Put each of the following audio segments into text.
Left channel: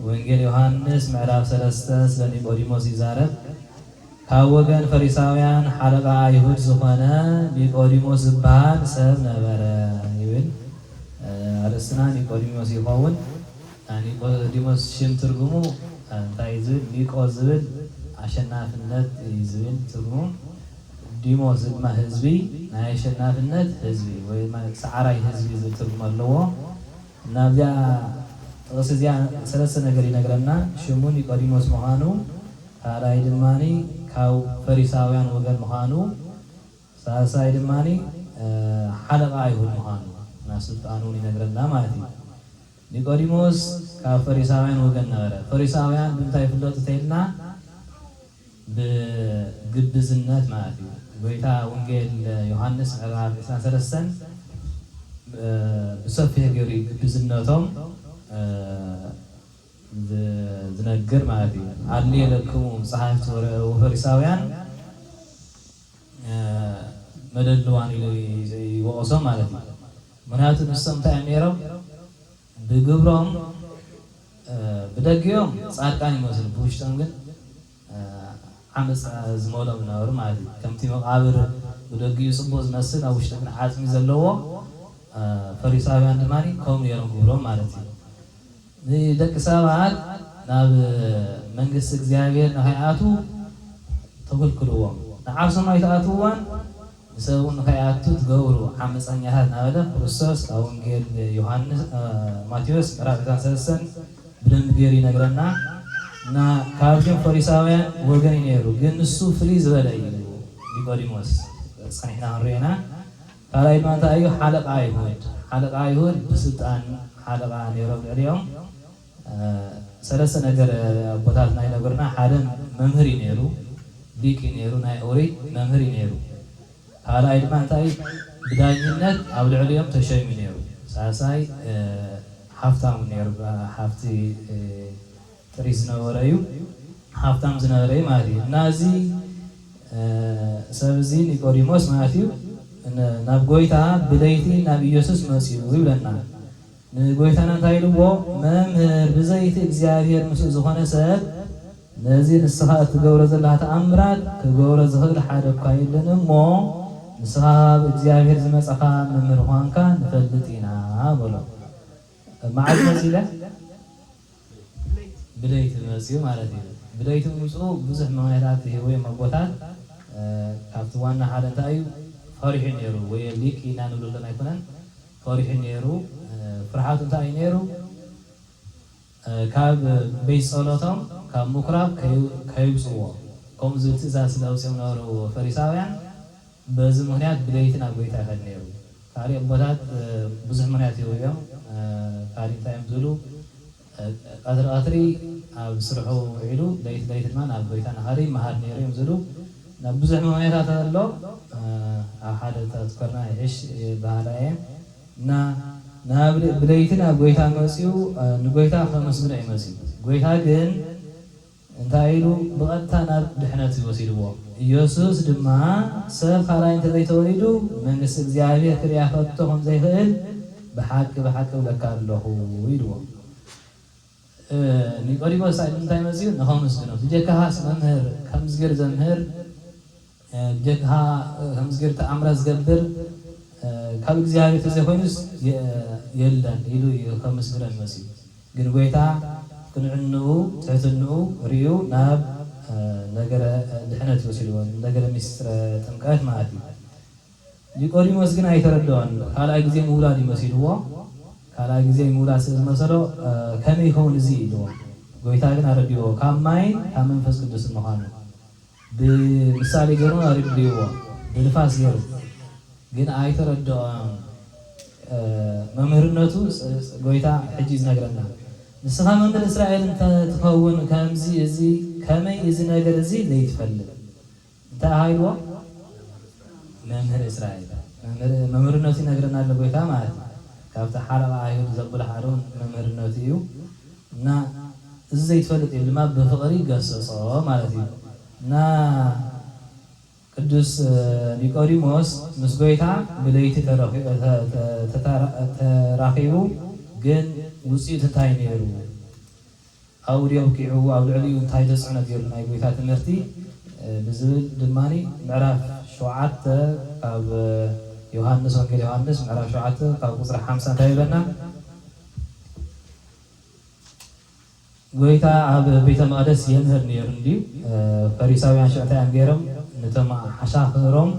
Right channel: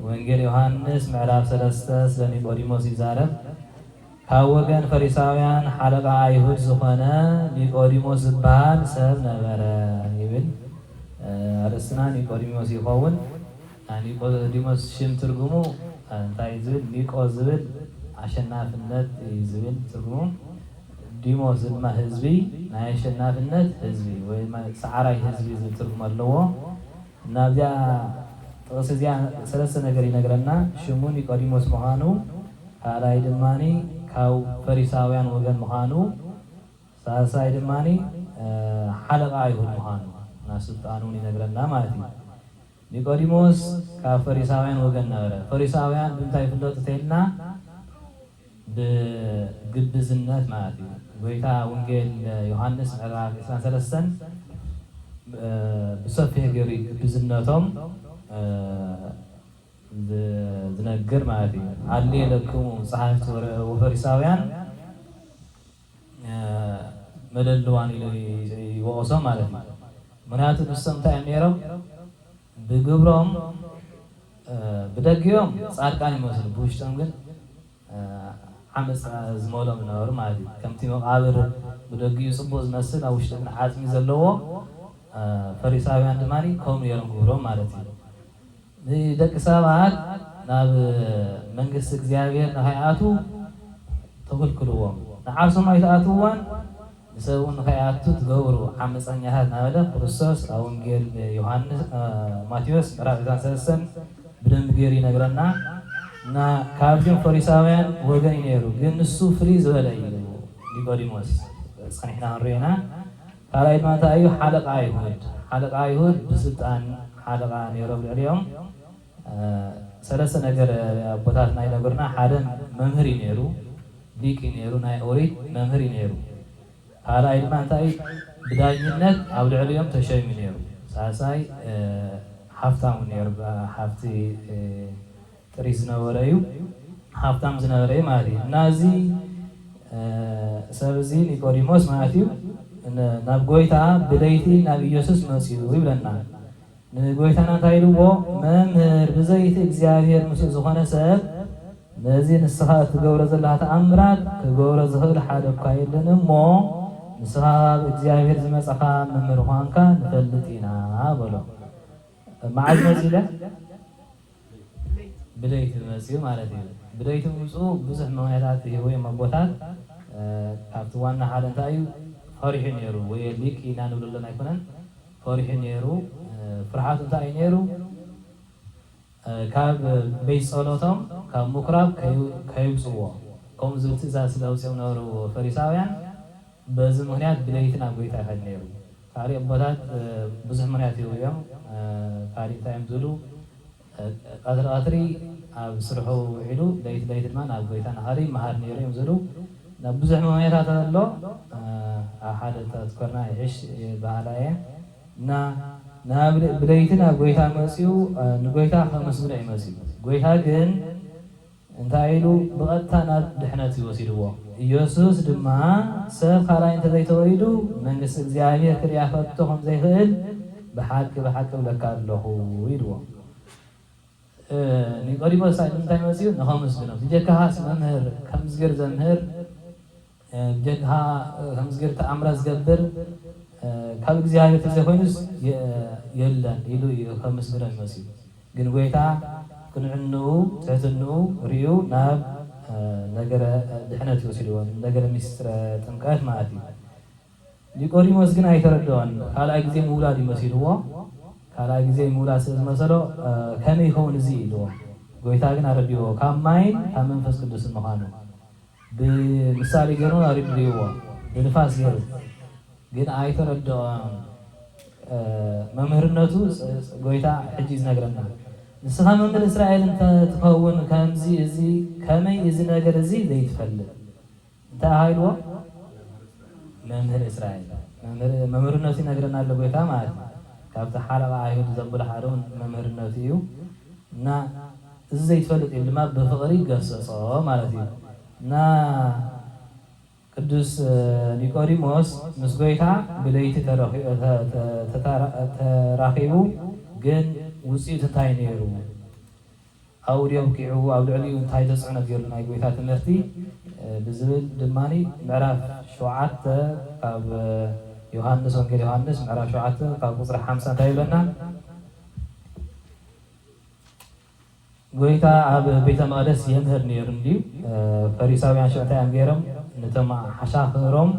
ወንጌል ዮሐንስ ምዕራፍ 3 ስለ ኒቆዲሞስ ይዛረብ። ካብ ወገን ፈሪሳውያን ሓለቃ አይሁድ ዝኾነ ኒቆዲሞስ ዝበሃል ሰብ ነበረ ይብል። አርእስትና ኒቆዲሞስ ይኸውን። ኒቆዲሞስ ሽም ትርጉሙ እንታይ ዝብል ኒቆ ዝብል አሸናፊነት ዝብል ትርጉሙ፣ ዲሞስ ድማ ህዝቢ ናይ አሸናፊነት ህዝቢ ወይ ማለት ሰዓራይ ህዝቢ ዝብል ትርጉም ኣለዎ። ናብዚያ ጥቅስ እዚያ ሰለስተ ነገር ይነግረና። ሽሙ ኒቆዲሞስ ምዃኑ፣ ካልኣይ ድማኒ ካብ ፈሪሳውያን ወገን ምዃኑ፣ ሳልሳይ ድማኒ ሓለቃ አይሁድ ምዃኑ እና ስልጣኑ ይነግረና ማለት እዩ። ኒቆዲሞስ ካብ ፈሪሳውያን ወገን ነበረ። ፈሪሳውያን ብምንታይ ይፍለጡ ተይልና ብግብዝነት ማለት እዩ። ጎይታ ወንጌል ዮሐንስ ምዕራፍ 23 ብሰፊሕ ገይሩ ግብዝነቶም ዝነግር ማለት እዩ። አድልየ ለክሙ ጸሓፍቲ ወፈሪሳውያን መደልዋን ይወቅሶም ማለት እዩ። ምክንያቱ ንሶም እንታይ እዮም ነይሮም? ብግብሮም ብደጊኦም ጻድቃን ይመስሉ፣ ብውሽጦም ግን ዓመፅ ዝመሎም ዝነበሩ ማለት እዩ። ከምቲ መቃብር ብደጊኡ ጽቡቅ ዝመስል ኣብ ውሽጡ ግን ዓፅሚ ዘለዎ ፈሪሳውያን ድማ ከምኡ ነይሮም ግብሮም ማለት እዩ። ንደቂ ሰባት ናብ መንግስቲ እግዚአብሔር ንኸይኣቱ ተከልክልዎም፣ ንዓርሶም ኣይተኣትውዎን ንሰብ እውን ንኸይኣቱ ትገብሩ ዓመፀኛታት እናበለ ክርስቶስ ኣብ ወንጌል ዮሐንስ ማቴዎስ ምዕራፍ 23 ብደንብ ገይሩ ይነግረና። እና ካብቶም ፈሪሳውያን ወገን እዩ ነይሩ፣ ግን ንሱ ፍልይ ዝበለ እዩ ኒቆዲሞስ ፀኒሕና ንሪአና። ካልኣይ ድማ እንታይ እዩ? ሓለቃ አይሁድ። ሓለቃ አይሁድ ብስልጣን ሓለቃ ነይሮም ልዕሊኦም። ሰለስተ ነገር ኣቦታት ናይ ነገርና፣ ሓደ መምህር እዩ ነይሩ፣ ሊቅ እዩ ነይሩ፣ ናይ ኦሪት መምህር እዩ ነይሩ። ካልኣይ ድማ እንታይ ብዳኝነት ኣብ ልዕሊኦም ተሸይሙ ነይሩ። ሳልሳይ ሓፍታም ነይሩ፣ ሓፍቲ ጥሪት ዝነበረ እዩ፣ ሓፍታም ዝነበረ እዩ ማለት እዩ። እና እዚ ሰብ እዚ ኒቆዲሞስ ማለት እዩ ናብ ጎይታ ብለይቲ ናብ ኢየሱስ መሲሉ ይብለና። ንጎይታና እንታይ ኢልዎ? መምህር ብዘይቲ እግዚአብሔር ምስኡ ዝኾነ ሰብ ነዚ ንስኻ እትገብሮ ዘለካ ተኣምራት ክገብሮ ዝኽእል ሓደ እኳ የለን እሞ ንስኻ ብእግዚአብሔር ዝመፀኻ መምህር ኳንካ ንፈልጥ ኢና በሎ። መዓዝ መሲለ? ብለይቲ መሲሉ ማለት እዩ። ብለይቲ ምምፅኡ ብዙሕ ምክንያታት ሂቦም ኣቦታት። ካብቲ ዋና ሓደ እንታይ እዩ? ፈሪሑ ነይሩ፣ ወይ ሊቅ ኢና ንብለሎን ኣይኮነን፣ ፈሪሑ ነይሩ። ፍርሓቱ እንታይ እዩ ነይሩ? ካብ ቤት ጸሎቶም ካብ ምኩራብ ከይውፅዎ ከምኡ ዝብል ትእዛዝ ስለውፅኦም ነበሩ ፈሪሳውያን። በዚ ምክንያት ብለይቲ ናብ ጎይታ ይኸድ ነይሩ። ካሊእ ኣቦታት ብዙሕ ምክንያት ሂቦም። ካሊእ እንታይ እዮም ዝብሉ? ቀትሪ ቀትሪ ኣብ ስርሑ ውዒሉ ለይቲ ለይቲ ድማ ናብ ጎይታ ናኸሪ መሃር ነይሩ እዮም ዝብሉ። ናብ ብዙሕ ምክንያታት ኣሎ። ኣብ ሓደ ተዝከርና ይሕሽ ባህላ እየን እና ናብ ብለይቲ ናብ ጎይታ መፅኡ ንጎይታ ከመስግኖ ይመሲሉ። ጎይታ ግን እንታይ ኢሉ? ብቐጥታ ናብ ድሕነት ይወሲድዎ። ኢየሱስ ድማ ሰብ ካልኣይ እንተዘይተወሊዱ መንግስቲ እግዚአብሔር ክሪኣ ከቶ ከምዘይኽእል ብሓቂ ብሓቂ ብለካ ኣለኹ ኢልዎ። ኒቆዲሞስ እንታይ መፅኡ? ንኸመስግኖ ብጀካኻስ መምህር ከምዝገር ዘምህር ብጀካኻ ከምዝገር ተኣምራት ዝገብር ካብ እግዚአብሔር ተዘይኮይኑስ የለን ኢሉ ከመስግኖ ይመሲሉ። ግን ጎይታ ቅንዕንኡ ትሕትንኡ ርዩ ናብ ነገረ ድሕነት ይወሲድዎ፣ ነገረ ሚስጥረ ጥምቀት ማለት እዩ። ኒቆዲሞስ ግን ኣይተረድኦን። ካልኣይ ግዜ ምውላድ ይመሲልዎ። ካልኣይ ግዜ ምውላድ ስለዝመሰሎ ከመይ ይኸውን እዚ ኢልዎ። ጎይታ ግን ኣረዲዎ ካብ ማይን ካብ መንፈስ ቅዱስ ምዃኑ ብምሳሌ ገይሩ ኣረዲዎ፣ ብንፋስ ገይሩ ግን ኣይተረድኦን። መምህርነቱ ጎይታ ሕጂ ዝነግረና ንስኻ መምህር እስራኤል እንትትኸውን ከምዚ እዚ ከመይ እዚ ነገር እዚ ዘይትፈልጥ እንታይ ሃይልዎ? መምህር እስራኤል መምህርነቱ ይነግረና ኣሎ ጎይታ ማለት እዩ። ካብቲ ሓለቃ አይሁድ ዘብሎ ሓደ መምህርነቱ እዩ። እና እዚ ዘይትፈልጥ እዩ ድማ ብፍቕሪ ገሰፆ ማለት እዩ። እና ቅዱስ ኒቆዲሞስ ምስ ጎይታ ብለይቲ ተራኺቡ ግን ውፅኢት እንታይ ነይሩ? ኣውድዮ ኪዑ ኣብ ልዕሊኡ እንታይ ተፅዕኖ ገይሩ ናይ ጎይታ ትምህርቲ ብዝብል ድማኒ ምዕራፍ 7 ካብ ዮሃንስ ወንጌል ዮሃንስ ምዕራፍ 7 ካብ ቁፅሪ 50 እንታይ ይብለና? ጎይታ ኣብ ቤተ መቅደስ የምህር ነይሩ እንድዩ ፈሪሳውያን ሽዕታያን ገይሮም ነቶም ሓሻኽሮም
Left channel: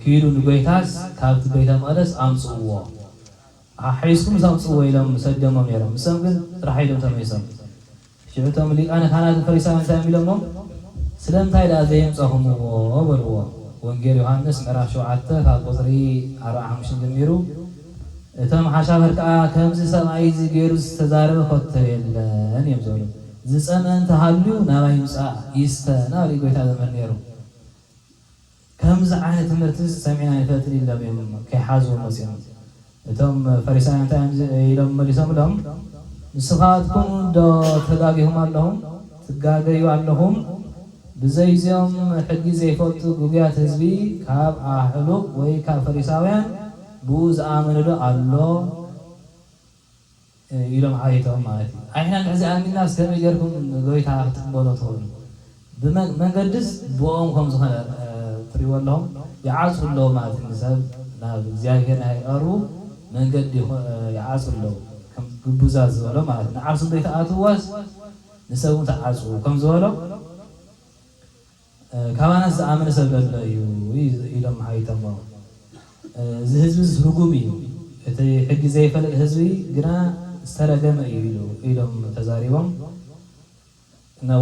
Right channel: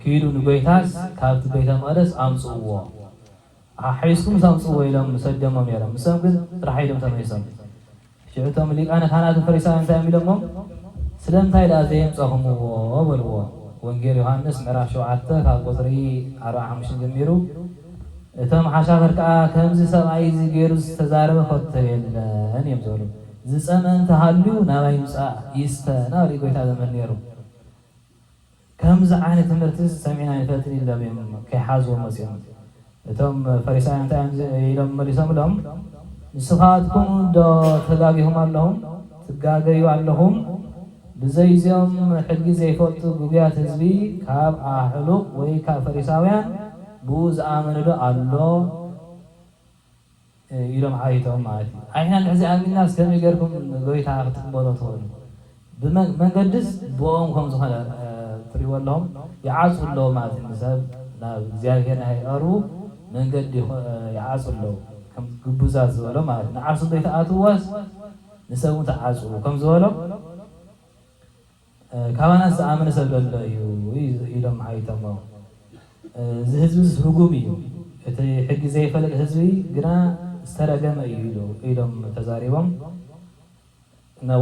ክይዱ ንጎይታስ ካብቲ ቤተ መቅደስ ኣምፅእዎ ሓይስኩም ኣምፅእዎ ኢሎም ሰደሞም ነይሮም። ንሶም ግን ጥራሕ ኢሎም ተመይሶም ሽዕቶም ሊቃነ ካህናትን ፈሪሳውያን እንታይ ኢሎሞም ስለምንታይ ዳ ዘየምፀኹምዎ በልዎ። ወንጌል ዮሃንስ ምዕራፍ 7 ካብ ቁፅሪ 45 ጀሚሩ እቶም ሓሻኽር ከዓ ከምዚ ሰብኣይ እዚ ገይሩ ዝተዛረበ ኮተብ የለን እዮም ዝበሉ። ዝፀመአ እንተሃልዩ ናባይ ምፃእ ይስተ ናብ ጎይታ ዘመር ነይሩ። ከምዚ ዓይነት ትምህርቲ ሰሚዕና ይፈጥር ኢሎም እዮም ከይሓዝዎም መፅኦም። እቶም ፈሪሳውያን እንታይ ኢሎም መሊሶም ኢሎም ንስኻትኩም ዶ ተጋጊሁም ኣለኹም ትጋገዩ ኣለኹም ብዘይዚኦም ሕጊ ዘይፈልጡ ጉግያት ህዝቢ ካብ ኣሕሉቅ ወይ ካብ ፈሪሳውያን ብኡ ዝኣመነ ዶ ኣሎ ኢሎም ዓይቶም ማለት እዩ። ዓይና ንሕዚ ኣሚንና ከመይ ጌርኩም ጎይታ ክትቅበሉ ትኽእሉ? ብመንገድስ ብኦም ከም ዝኾነ ትሪእዎ ኣለኹም ይዓፁ ኣለዎ ማለት እዩ። ሰብ ናብ እግዚኣብሔር ናይ ቀርቡ መንገዲ ይዓፁ ኣለዎ ከም ግቡዛት ዝበሎ ማለት እዩ። ንዓርሱ ዘይተኣትዋስ ንሰብ ተዓፁ ከም ዝበሎ ካባናት ዝኣመነ ሰብ ዘሎ እዩ ኢሎም ዓይቶም። እዚ ህዝቢ ርጉም እዩ፣ እቲ ሕጊ ዘይፈልጥ ህዝቢ ግና ዝተረገመ እዩ ኢሎም ተዛሪቦም።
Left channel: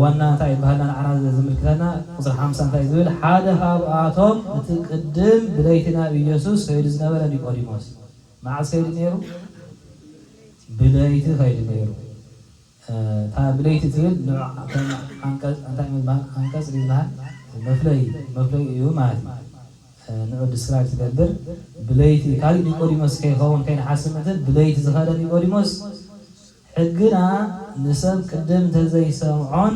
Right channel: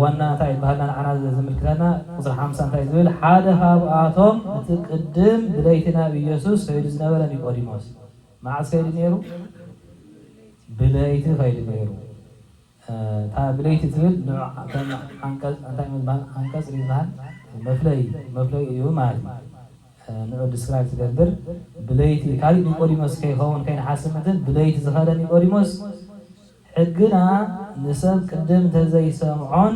ዋና እንታይ ባህልና ንዓና ዝምልክተና ቁፅሪ 50 እንታይ ዝብል ሓደ ካብኣቶም እቲ ቅድም ብለይቲ ናብ ኢየሱስ ከይዱ ዝነበረ ኒቆዲሞስ መዓዝ ከይዱ ነይሩ? ብለይቲ ከይዱ ነይሩ። እታ ብለይቲ ትብል አንቀጽ ይበሃል መፍለይ እዩ ማለት እዩ። ንቅዱስ ስራይ ዝገብር ብለይቲ ካሊእ ኒቆዲሞስ ከይኸውን ከይንሓስብ እንትን ብለይቲ ዝኸደ ኒቆዲሞስ ሕግና ንሰብ ቅድም እንተዘይሰምዖን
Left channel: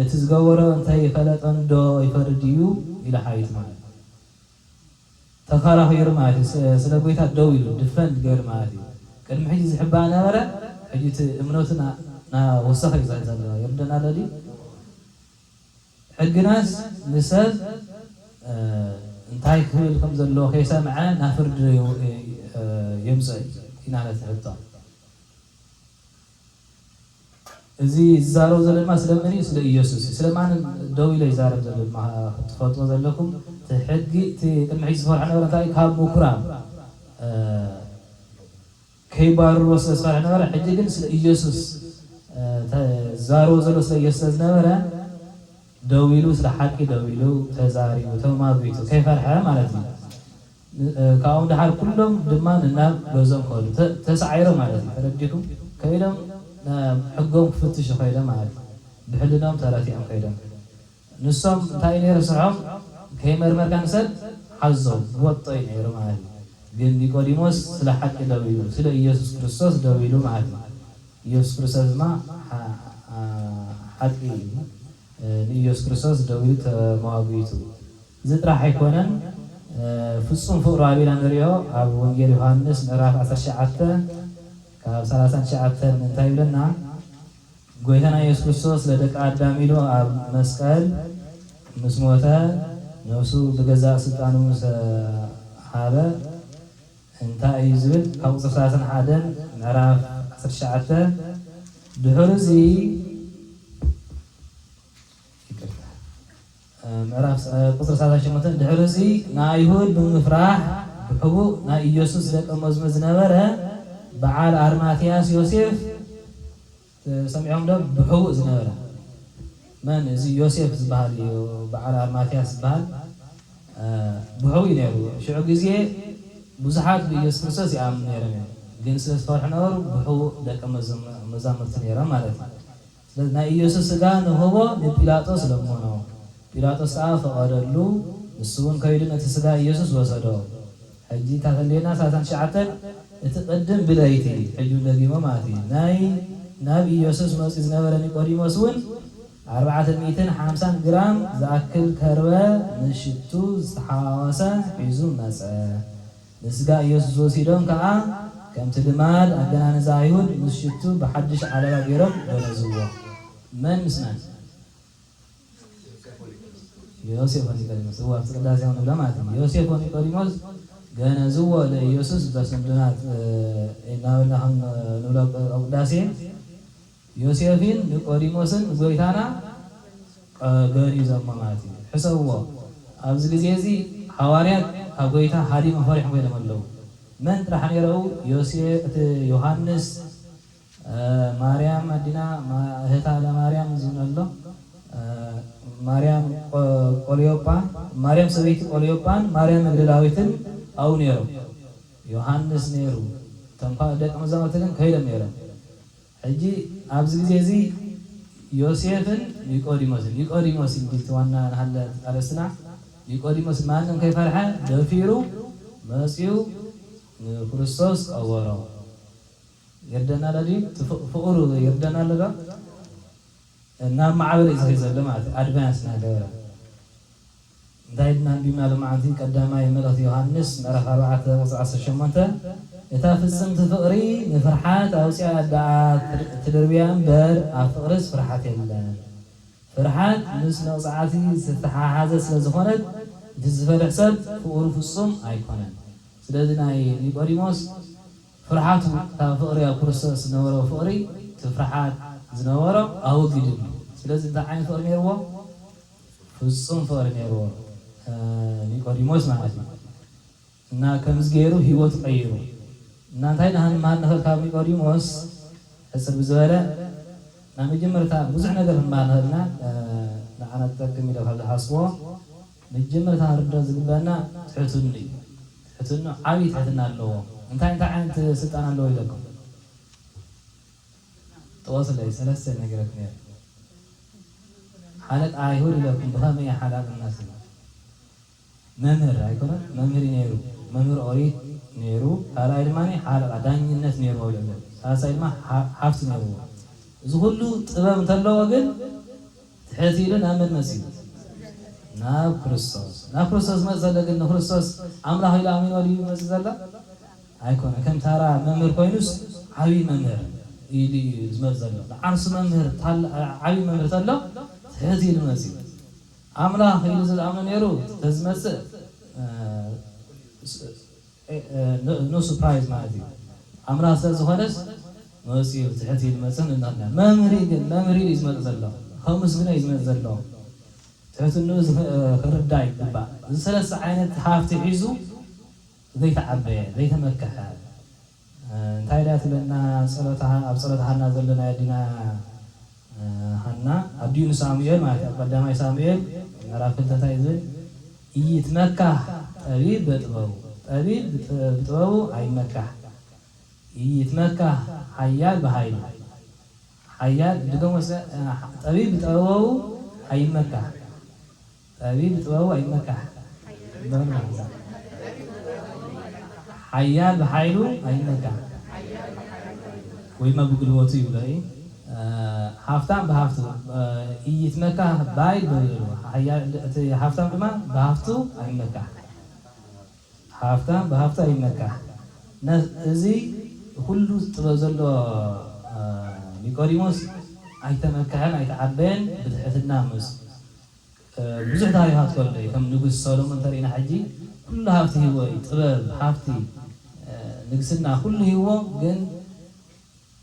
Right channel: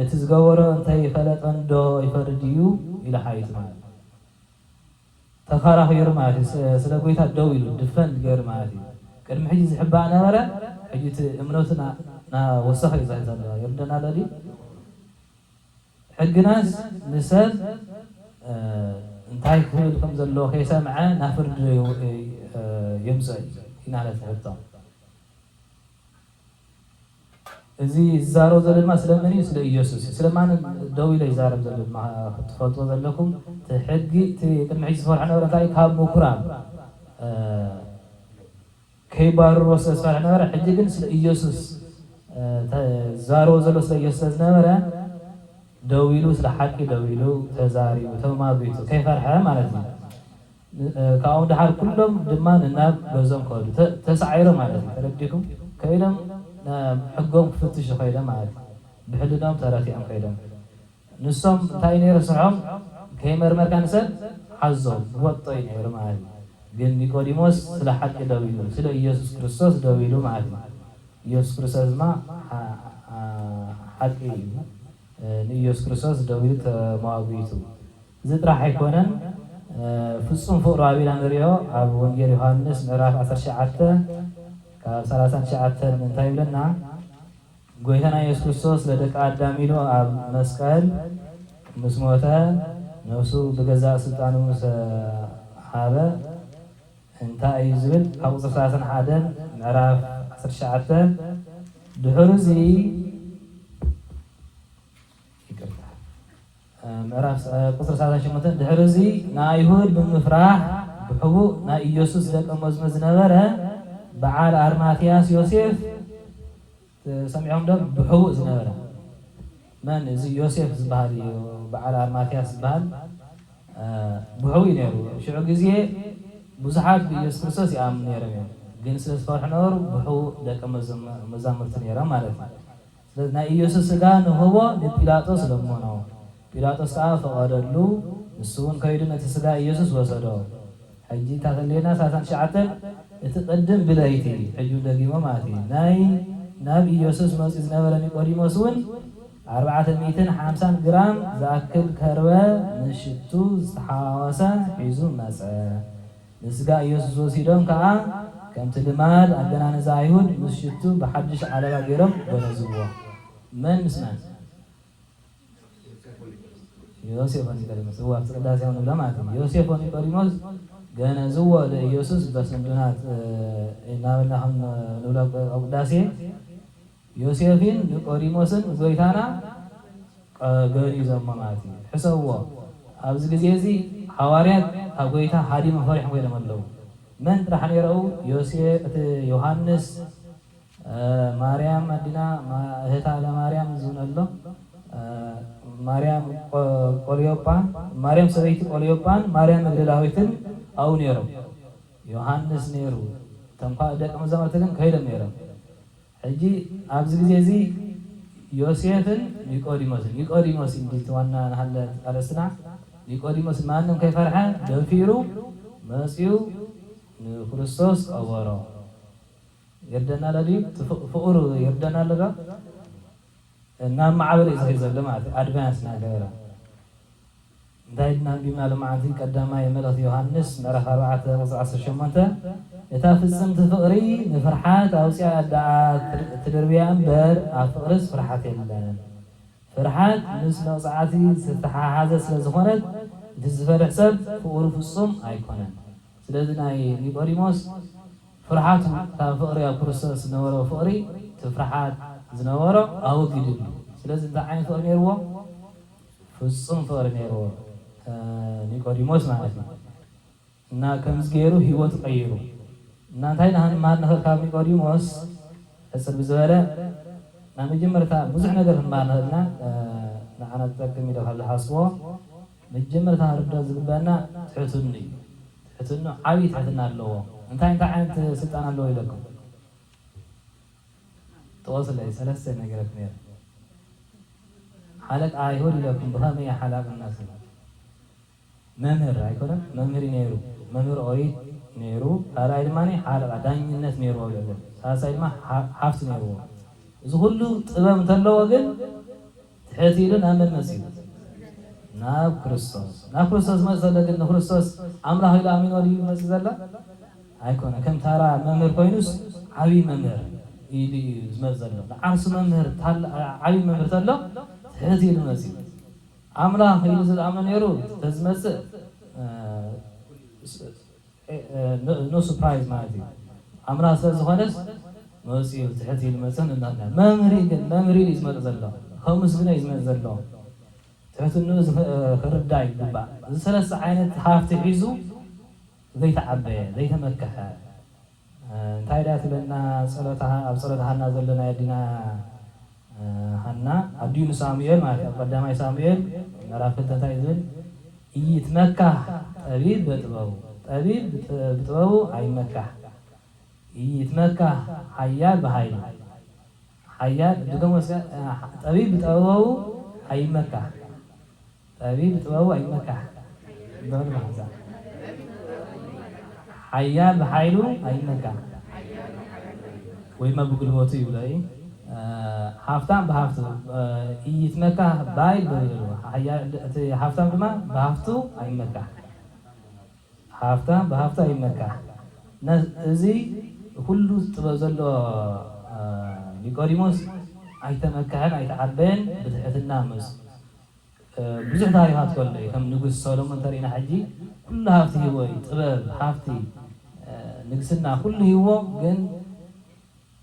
እቲ ዝገበሮ እንተይፈለጦን ዶ ይፈርድ እዩ ኢሉ ሓይቱ ማለት እዩ። ተከራኺሩ ማለት እዩ። ስለ ጎይታ ደው ኢሉ ድፈን ገይሩ ማለት እዩ። ቅድሚ ሕጂ ዝሕባእ ነበረ ሕጂ እቲ እምነቱ ወሰኸ እዩ ዘለዎ የርደና ኣሎ ድዩ? ሕግናስ ንሰብ እንታይ ክብል ከም ዘለዎ ከይሰምዐ ናብ ፍርዲ የምፅእ ኢናለት ሕቶ እዚ ዝዛረብ ዘሎ ድማ ስለምን እዩ? ስለ ኢየሱስ ስለማን ደው ኢሉ ይዛረብ ዘሎ ክትፈልጥዎ ዘለኩም እቲ ሕጊ እቲ ቅድሚ ሕጂ ዝፈርሐ ነበረ እንታይ ካብ ምኩራብ ከይባርሮ ስለ ዝፈርሐ ነበረ። ሕጂ ግን ስለ ኢየሱስ ዝዛረብ ዘሎ ስለ ኢየሱስ ዝነበረ ደው ኢሉ ስለ ሓቂ ደው ኢሉ ተዛሪቡ ተማጉቱ ከይፈርሐ ማለት እዩ። ካብኡ ድሓር ኩሎም ድማ ናብ ገዞም ከዱ ተሳዒሮም ማለት እዩ። ተረዲኩም ከይዶም ሕጎም ክፍትሹ ከይዶም ማለት እዩ። ብሕልናም ተረቲዖም ከይዶም ንሶም እንታይ ነይሩ ስርሖም ከይመርመርካ ንሰብ ሓዞም ወጦ እዩ ነይሩ ማለት እዩ። ግን ኒቆዲሞስ ስለ ሓቂ ደው ኢሉ ስለ ኢየሱስ ክርስቶስ ደው ኢሉ ማለት እዩ። ኢየሱስ ክርስቶስ ድማ ሓቂ እዩ። ንኢየሱስ ክርስቶስ ደው ኢሉ ተማጉቱ እዚ ጥራሕ ኣይኮነን ፍጹም ፍቅሩ ኣቢና ንሪኦ ኣብ ወንጌል ዮሃንስ ምዕራፍ 19 ካብ 39 እንታይ ይብለና? ጎይታና ኢየሱስ ክርስቶስ ለደቂ ኣዳም ኢሉ ኣብ መስቀል ምስ ሞተ ነፍሱ ብገዛእ ስልጣኑ ሃበ እንታይ እዩ ዝብል ካብ ቁፅሪ 31 ምዕራፍ 19 ድሕሪ እዚ ምዕራፍ ቁፅሪ 38 ድሕሪ እዚ ንኣይሁድ ብምፍራሕ ብሕቡእ ናይ ኢየሱስ ደቀ መዝሙር ዝነበረ በዓል ኣርማትያስ ዮሴፍ ሰሚዖም ዶ? ብሕቡእ ዝነበረ መን እዚ ዮሴፍ ዝበሃል እዩ። በዓል ኣርማትያስ ዝበሃል ብሕቡእ እዩ ነይሩ። ሽዑ ግዜ ብዙሓት ብኢየሱስ ክርስቶስ ይኣምኑ ነይሮም እዮም፣ ግን ስለ ዝፈርሑ ነበሩ ብሕቡእ ደቀ መዛሙርቲ ነይሮም ማለት እዩ። ስለዚ ናይ ኢየሱስ ስጋ ንህቦ ንጲላጦስ ለሞኖ ጲላጦስ ከዓ ፈቐደሉ። ንሱ እውን ከይዱ ነቲ ስጋ ኢየሱስ ወሰዶ። ሕጂ ታተሌና 39 እቲ ቅድም ብለይቲ ሕጂ ደጊሞ ማለት እዩ ናብ ኢየሱስ መፅኡ ዝነበረ ኒቆዲሞስ እውን 450 ግራም ዝኣክል ከርበ ንሽቱ ዝተሓዋወሰ ሒዙ መፀ። ንስጋ ኢየሱስ ወሲዶም ከዓ ከምቲ ልማድ ኣገናንዛ ኣይሁድ ምስ ሽቱ ብሓድሽ ዓለባ ገይሮም ገነዝዎ። من مسنا يوسف ونيقوديموس هو قداس يوم لما يوسف ونيقوديموس ገና ዝዎ ለኢየሱስ በስንዱናት እናበላህም ንብሎ ቅዳሴ ዮሴፍን ኒቆዲሞስን ጎይታና ገሪዞም ማለት እዩ ሕሰብዎ ኣብዚ ግዜ እዚ ሐዋርያት ኣብ ጎይታ ሓዲሞም ፈሪሖም ኮይኖም ኣለዉ መን ጥራሕ ነይረው ዮሴፍ ዮሃንስ ማርያም ኣዲና እህታ ለማርያም ዝብሎ ማርያም ቆልዮጳ ማርያም ሰበይቲ ቆልዮጳን ማርያም መግደላዊትን أو نيرو يوحنس نيرو تنقل دك مزامتكن كهيدا نيرو هجي أبز جزي يوسف نيقوديموس ديتوانا هلا على السنة نيقوديموس ما عندهم كيف فرحة دفيرو مسيو كريستوس أورو يردنا لدي فقرو يردنا لغا نعم معاول إزاي لما أدفانس نادرا دايدنا بما لمعتين قدامي ملك يوحنس مرح 4:18 يتافسم تفقري نفرحات أوسع دعاء تدربيان بر أفقرس فرحات يلان فرحات نسنا وصعاتي ستحاحازة سنزخونت تزفر حساب فقور فصم أيقونا سلازنا نيقوديموس فرحات فقري أو كريستوس نورو فقري تفرحات زنورو أو جديد سلازنا عين فقر نيرو فصم فقر نيرو ኒቆዲሞስ ማለት ነው እና ከምዝገሩ ህይወት ቀይሩ እና ታይና ሃን ማን ነፈር ካብ ኒቆዲሞስ ህዝብ ዝበለ ና መጀመርታ ብዙሕ ነገር ማናና ንዓና ተጠቅም ኢለ ካብ ዝሓስቦ መጀመርታ ርዶ ዝግባና ትሕትኑ ዓብይ ትሕትና ኣለዎ እንታይ ዓይነት ስልጣን ኣለዎ ኢለኩም ተወሰለይ ሰለስተ ነገራት ነይሩ ሓለቅ ኣይሁድ ኢለኩም ብኸመይ ሓላቅ الناس መምህር አይኮነም መምህር ነይሩ መምህር ኦሪት ነይሩ ካላይ ድማኒ ሓለቃ ዳኝነት ነይሩ ይላል ሳሳይማ ሓፍት ነይሩ እዚ ሁሉ ጥበብ እንተለዎ ግን ትሕቲልን ኣመን መሲሉ ናብ ክርስቶስ መሰለ ግን ክርስቶስ ኣምላኽ ኢሉ ኣሚኑ ወዲዩ መሲሉ ዘላ ኣይኮነ ከም ታራ መምህር ኮይኑስ ዓብይ መምህር ኢሉ ዝመጽ ዘሎ ዓርሱ መምህር ዓብይ መምህር ተሎ ትሕቲል መሲሉ أملاك يلزم الأمر نيرو تزمس no surprise مالتي أملاك سازخانس مسيب تحتي المسن النار ما مريد اسمه زلوا خمس من اسمه زلوا تحت النوز خرب داي ببا ثلاث عينات حافت عزو ذي تعبى ذي تمكها تايدات لنا صلاتها نازلنا يدنا هنا أبديون ساميل ما قدامي ساميل مرافق تايزن يتمكه طبيب بتبو أي مكه يتمكه حيال بهايل حيال دكتور مثلا طبيب بتبو أي مكه طبيب بتبو أي مكه حيال بهايلو أي مكه وما بقول واتي ولاي حافتان بهافتو يتمكه باي بيرو حافتان بما بهافتو أي مكه حافتان بهافتو أي مكه نزي كله تبذله ኒቆዲሞስ አይተመካህን አይተዓበን ብትሕት ናምስ ብዙሕ ታሪኻት ኮለይ ከም ንጉስ ሰሎሞን ተሪእና ሕጂ ኩሉ ሃብቲ ሂቦ ጥበብ ሃብቲ ንግስና ኩሉ ሂቦ ግን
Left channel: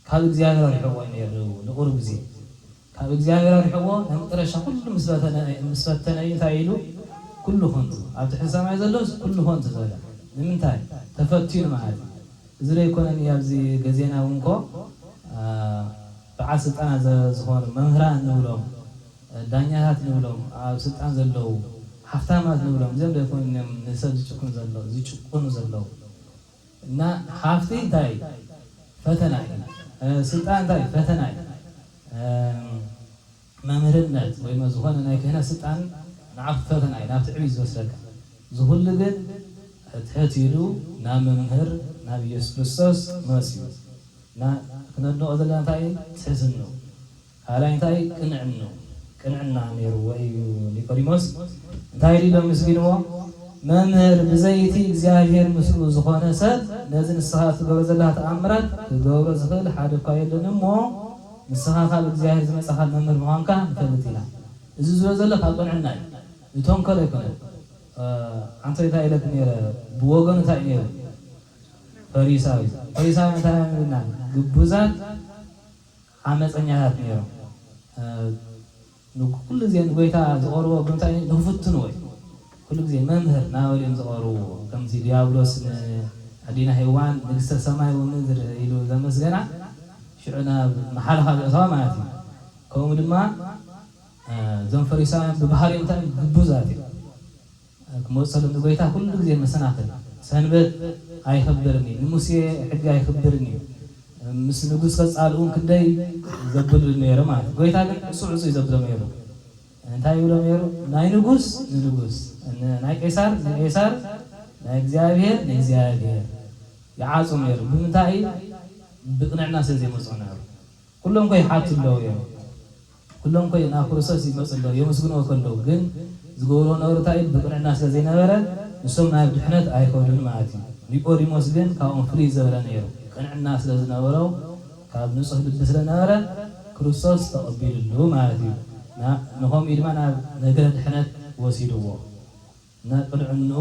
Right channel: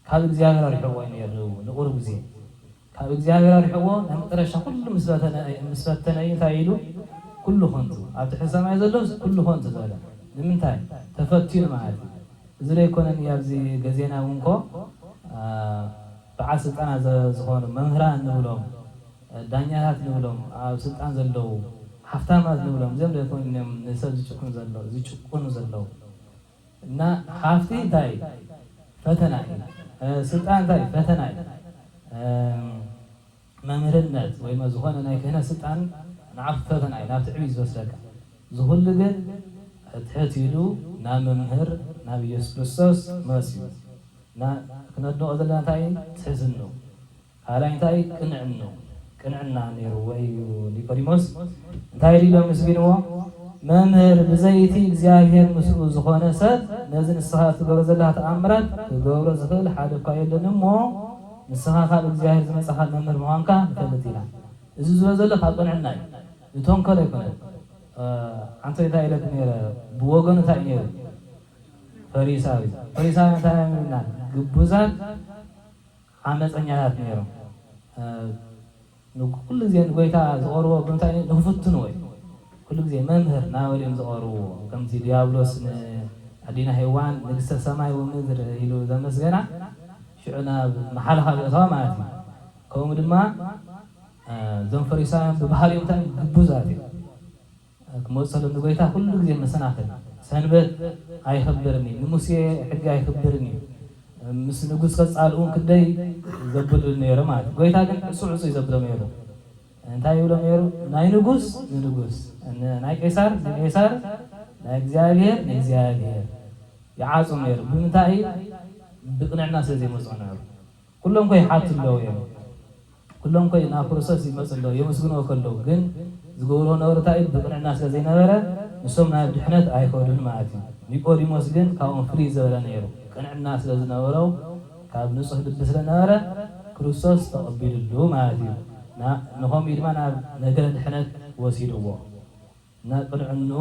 ካብ እግዚአብሔር አርሕዎ ነይሩ ንቁር ግዜ ካብ እግዚአብሔር አርሕዎ መጨረሻ ኩሉ ምስፈተነ እንታይ ኢሉ ኩሉ ኾንቱ ኣብ ትሕቲ ሰማይ ዘሎስ ኩሉ ኾንቱ ዘለ ንምንታይ ተፈቲኑ ማለት እዚ ዘይኮነን ኣብዚ ገዜና እንኮ በዓል ስልጣናት ዝኾኑ መምህራን ንብሎም ዳኛታት ንብሎም ኣብ ስልጣን ዘለዉ ሃፍታማት ንብሎም እዚኦም ደይኮይኖም ንሰብ ዝጭቁኑ ዘለዉ እና ሃፍቲ እንታይ ፈተና እዩ ስልጣን እንታይ ፈተና እዩ መምህርነት ወይ ዝኾነ ናይ ክህነት ስልጣን ንዓፍ ፈተና እዩ ናብቲ ዕብይ ዝወስደካ ዝኩሉ ግን ትሕት ኢሉ ናብ መምህር ናብ ኢየሱስ ክርስቶስ መሲሉ كندو أذلنا تاي تحزنو هلا تاي كنعنا نيرو وي ኒቆዲሞስ تاي ليلو مسكينو ممهر بزيتي እግዚአብሔር ምስሉ ዝኾነ ሰብ ነዝን ሰዓት ገረዘላት አምራት ገበረ ዝኽል ሓደ ኳይልን ሞ ንስኻ ካብ እግዚአብሔር ዝመፅኻ መምህር ምዃንካ ንፈልጥ ኢና እዚ ዝብሎ ዘሎ ካብ ቅንዕና እዩ ዝተንኮለ ኣይኮነን አንተ እንታይ ኢለት ነይረ ብወገኑ እንታይ ነይሩ ፈሪሳዊ እንታይ ሚልና ግቡዛት ዓመፀኛታት ነይሮም ኩሉ ግዜ ንጎይታ ዝቐርቦ ብምንታይ ንክፍትኑ ወይ ኩሉ ግዜ መምህር ናበልዮም ዝቐርብዎ ከምቲ ዲያብሎስ ንኣዲና ሄዋን ንግስተ ሰማይ ወምድር ኢሉ ዘመስገና ሽዑ ናብ መሓልኻ ዘእተዋ ማለት እዩ ከምኡ ድማ እዞም ፈሪሳውያን ብባህሪኦም እንታይ ግቡዛት እዮም ክመፅሎም ንጎይታ ኩሉ ግዜ መሰናክል ሰንበት ኣይኽብርኒ ንሙሴ ሕጊ ኣይኽብርኒ ምስ ንጉስ ከፃልኡ ክንደይ ዘብሉ ነይሩ ማለት እዩ ጎይታ ግን ዕፁዕ ዕፁ ይዘብሎ ነይሩ እንታይ ይብሎ ነይሩ ናይ ንጉስ ንንጉስ ናይ ቄሳር ንቄሳር ናይ እግዚአብሔር ንእግዚአብሔር ይዓፁ ነይሩ ብምንታይ ብቅንዕና ስለዘይመፁ ነይሩ ኩሎም ኮይ ሓቱ ኣለዉ እዮም ኩሎም ኮይ ናብ ክርስቶስ ይመፁ ኣለዉ የመስግንዎ ከለዉ ግን ዝገብሮ ነበሩ እንታይ ብቅንዕና ስለዘይነበረ ንሶም ናብ ድሕነት ኣይከዱን ማለት እዩ ኒቆዲሞስ ግን ካብኦም ፍልይ ዘበለ ነይሩ ቅንዕና ስለዝነበሮ ካብ ንፁህ ልቢ ስለነበረ ክርስቶስ ተቐቢሉሉ ማለት እዩ ንኸምኡ ድማ ናብ ነገረ ድሕነት ወሲድዎ እና ቅንዕንኡ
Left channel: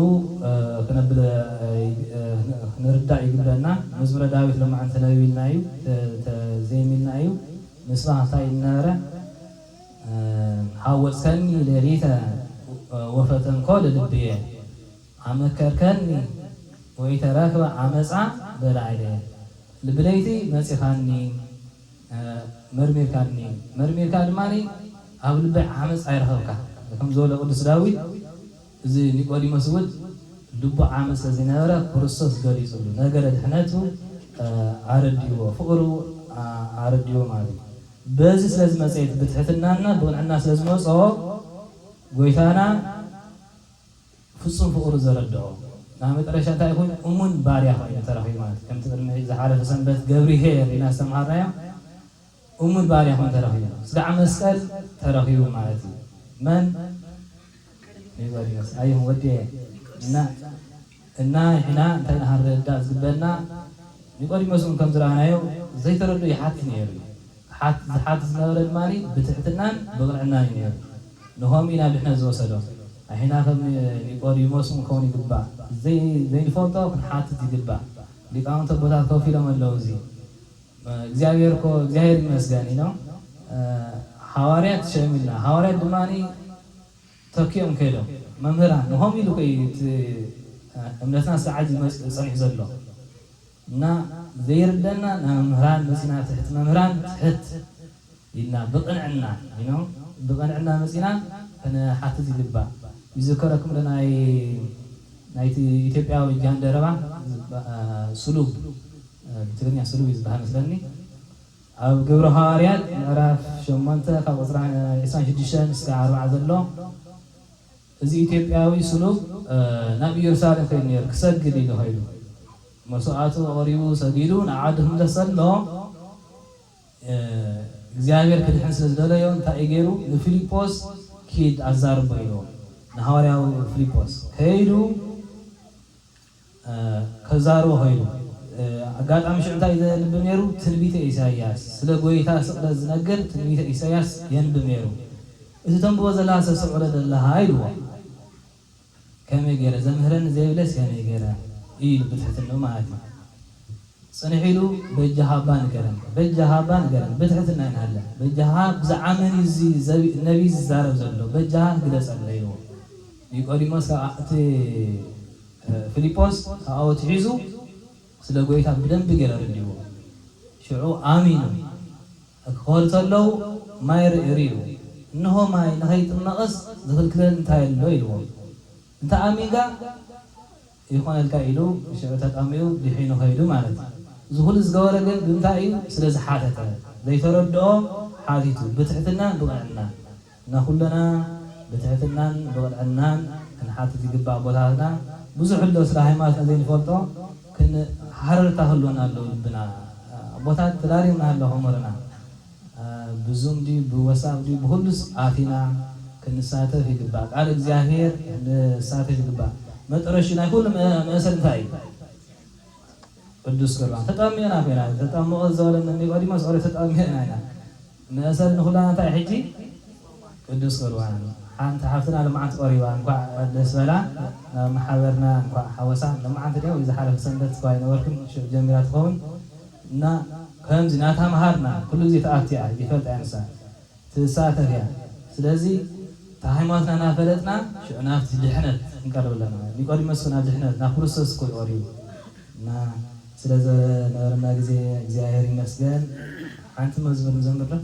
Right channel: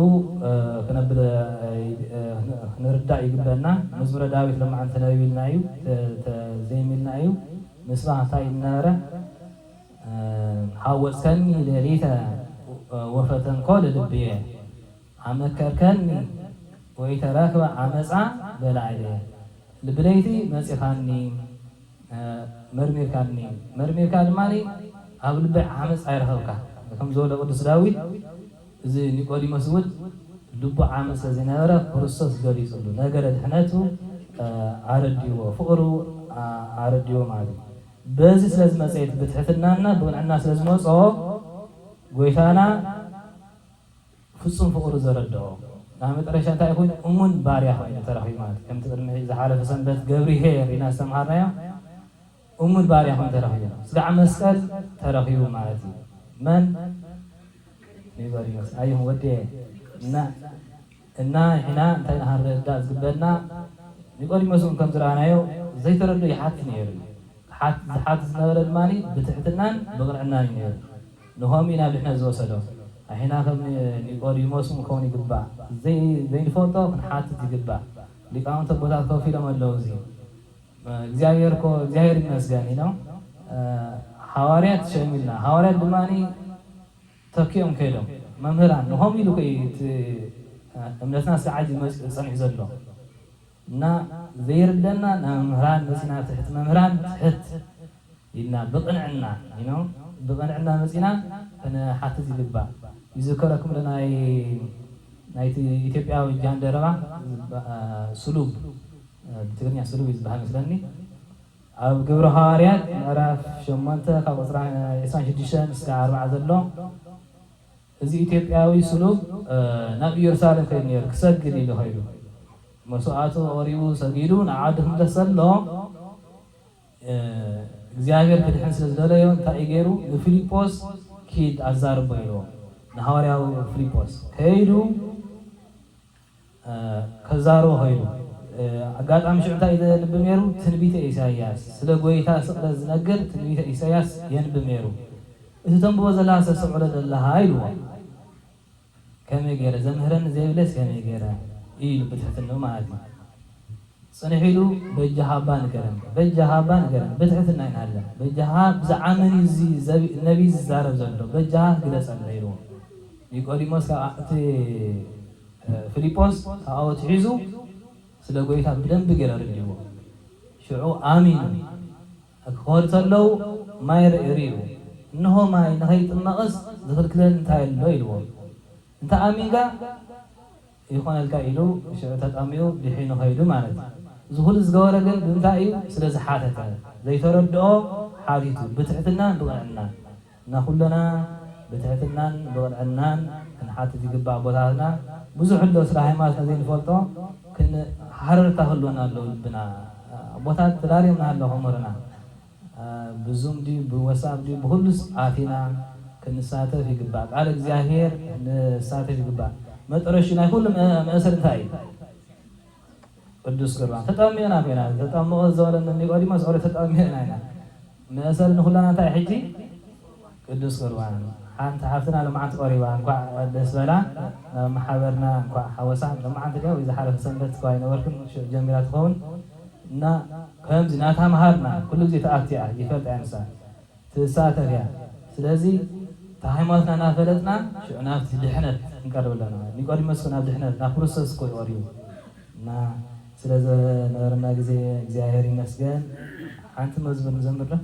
ክነብል ክንርዳእ ይግበአና መዝሙረ ዳዊት ለማዓን ተነቢልና እዩ ዘይሚልና እዩ ምስባህ እንታይ ዝነበረ ሓወፅከኒ ሌሊተ ወፈተንኮ ልልብየ ኣመከርከኒ ወይተረክበ ዓመፃ በላዕለየ ልብለይቲ መፂኻኒ መርሚርካ ድማኒ ኣብ ልበይ ዓመፅ ኣይረኸብካ ከም ዝበሎ ቅዱስ ዳዊት እዚ ኒቆዲሞስ እውን ልቡ ዓመፅ ስለዝነበረ ክርስቶስ ገሊፁሉ ነገረ ድሕነቱ ኣረድይዎ ፍቅሩ ኣረድይዎ ማለት እዩ በዚ ስለዝመፀት ብትሕትናና ብቅንዕና ስለዝመፆ ጎይታና ፍፁም ፍቅሩ ዘረድኦ ናብ መጨረሻ እንታይ ይኹን እሙን ባርያ ኮይኑ ተረኺቡ ማለት እዩ ከምቲ ቅድሚ ዝሓለፈ ሰንበት ገብሪሄር ኢና ዝተምሃርናዮ እሙን ባርያ ኮይኑ ተረኺቡ ስጋዕ መስቀል ተረኺቡ ማለት እዩ መን ኒቆዲሞስ ኣይሁ ወዲየ እና ሕና እንታይ ናሃረዳእ ዝግበአና ኒቆዲሞስ ከም ዝረኣናዮ ዘይተረድኦ ይሓቲ ነይሩ ዝሓቲ ዝነበረ ድማኒ ብትሕትናን ብቅንዕናን እዩ ነይሩ ንኸምኡ ናብ ድሕነት ዝወሰዶ ሕና ከም ኒቆዲሞስ ክኸውን ይግባእ ዘይንፈልጦ ክንሓትት ይግባእ ሊቃውንቲ ቦታት ከፍ ኢሎም ኣለዉ እዚ እግዚኣብሔር ይመስገን ኢኖ ሓዋርያት ሸሚልና ሓዋርያት ድማኒ ተኪኦም ከይዶም መምህራን ንኸምኡ ኢሉ ኮይ እምነትና ስዓት ፀኒሑ ዘሎ እና ዘይርደና ናብ መምህራን መፂና ትሕት መምህራን ትሕት ኢልና ብቅንዕና ብቅንዕና መፂና ክንሓትት ይግባእ ይዝከረኩም ናይቲ ኢትዮጵያዊ ጃንደረባ ስሉብ ብትግርኛ ስሉብ እዩ ዝበሃል መስለኒ ኣብ ግብረ ሃዋርያት ምዕራፍ 8 ካብ ቁፅሪ 26-40 ዘሎ እዚ ኢትዮጵያዊ ስሉብ ናብ ኢየሩሳሌም ከይዱ ነይሩ ክሰግድ ኢሉ ኸይዱ መስዋዕቱ ቀሪቡ ሰጊዱ ንዓዱ ክምለስ ዘሎ እግዚኣብሔር ክድሕን ስለዝደለዮ እንታይ እዩ ገይሩ ንፊልጶስ ኪድ ኣዛርቦ ኢልዎ ንሃዋርያዊ ፊልጶስ ከይዱ ከዛርቦ ኸይዱ ኣጋጣሚ ሽዑ እንታይ ዘንብብ ነይሩ ትንቢተ ኢሳያስ ስለ ጎይታ ስቕለት ዝነግር ትንቢተ ኢሳያስ የንብብ ነይሩ እቲ ተንብቦ ዘለካ ሰስዕሎ ዘለካ ኢልዎ ከመይ ገይረ ዘምህረኒ ዘይብለስ ከመይ ገይረ ኢሉ ብትሕትንኡ ማለት እዩ ፅንሕ ኢሉ በጃሃባ ንገረን ብትሕትና ይናለ በጃሃ ብዛዕባ መን እዚ ነቢይ ዝዛረብ ዘሎ በጃሃ ግለፀለ ኢልዎ ኒቆዲሞስ እቲ ፊልጶስ ካብኡ ትሒዙ ስለ ጎይታ ብደንቢ ገይረ ረዲዎ ሽዑ ኣሚኑ ክኸዱ ተለዉ ማይ ርኢሩ እንሆ ማይ ንኸይጥመቕስ ዝኽልክለን እንታይ ኣሎ ኢልዎ እንተ ኣሚንካ ይኾነልካ ኢሉ ሽዑ ተጠሚኡ ድሒኑ ኸይዱ ማለት እዩ እዚ ኩሉ ዝገበረ ግን ብምንታይ እዩ ስለ ዝሓተተ ዘይተረድኦ ሓቲቱ ብትሕትናን ብቅንዕናን እና ኩለና ብትሕትናን ብቅንዕናን ክንሓትት ይግባእ ቦታትና ብዙሕ ኣሎ ስለ ሃይማኖትና ዘይንፈልጦ ሓረርታ ክህልወና ኣለዉ ልብና ቦታት ተዳልዩና ኣሎ ከምርና ብዙም ድዩ ብወሳብ ድዩ ብኩሉስ ኣቲና ክንሳተፍ ይግባእ ቃል እግዚኣብሔር ክንሳተፍ ይግባእ መጠረሹ ናይ ኩሉ መእሰር እንታይ እዩ ቅዱስ ቁርባን ተጠሚዕና ኮይና ተጠምቆ ዘበለኒ ኒቆዲሞስ ኦረ ተጠሚዕና ኢና መእሰል ንኹላና እንታይ ሕጂ ቅዱስ ቁርባን ሓንቲ ሓፍትና ልምዓንቲ ቆሪባ እንኳዕ ደስ በላ ናብ ማሕበርና እንኳዕ ሓወሳ ልምዓንቲ ዲያው ዝሓለፈ ሰንበት እኳ ይነበርኩን ጀሚራ ትኸውን እና ከምዚ ናተምሃርና ኩሉ ግዜ ተኣትያ ይፈልጥ እያ ንሳ ትሳተፍ እያ ስለዚ ሃይማኖትና እናፈለጥና ሽዑ ናብቲ ድሕነት ክንቀርብ ኣለና ኒቆዲሞስ ናብ ድሕነት ናብ ክርስቶስ እኮ ይቐርዩ እና ስለዝነበረና ግዜ እግዚኣብሔር ይመስገን ሓንቲ መዝሙር ንዘምር ዶ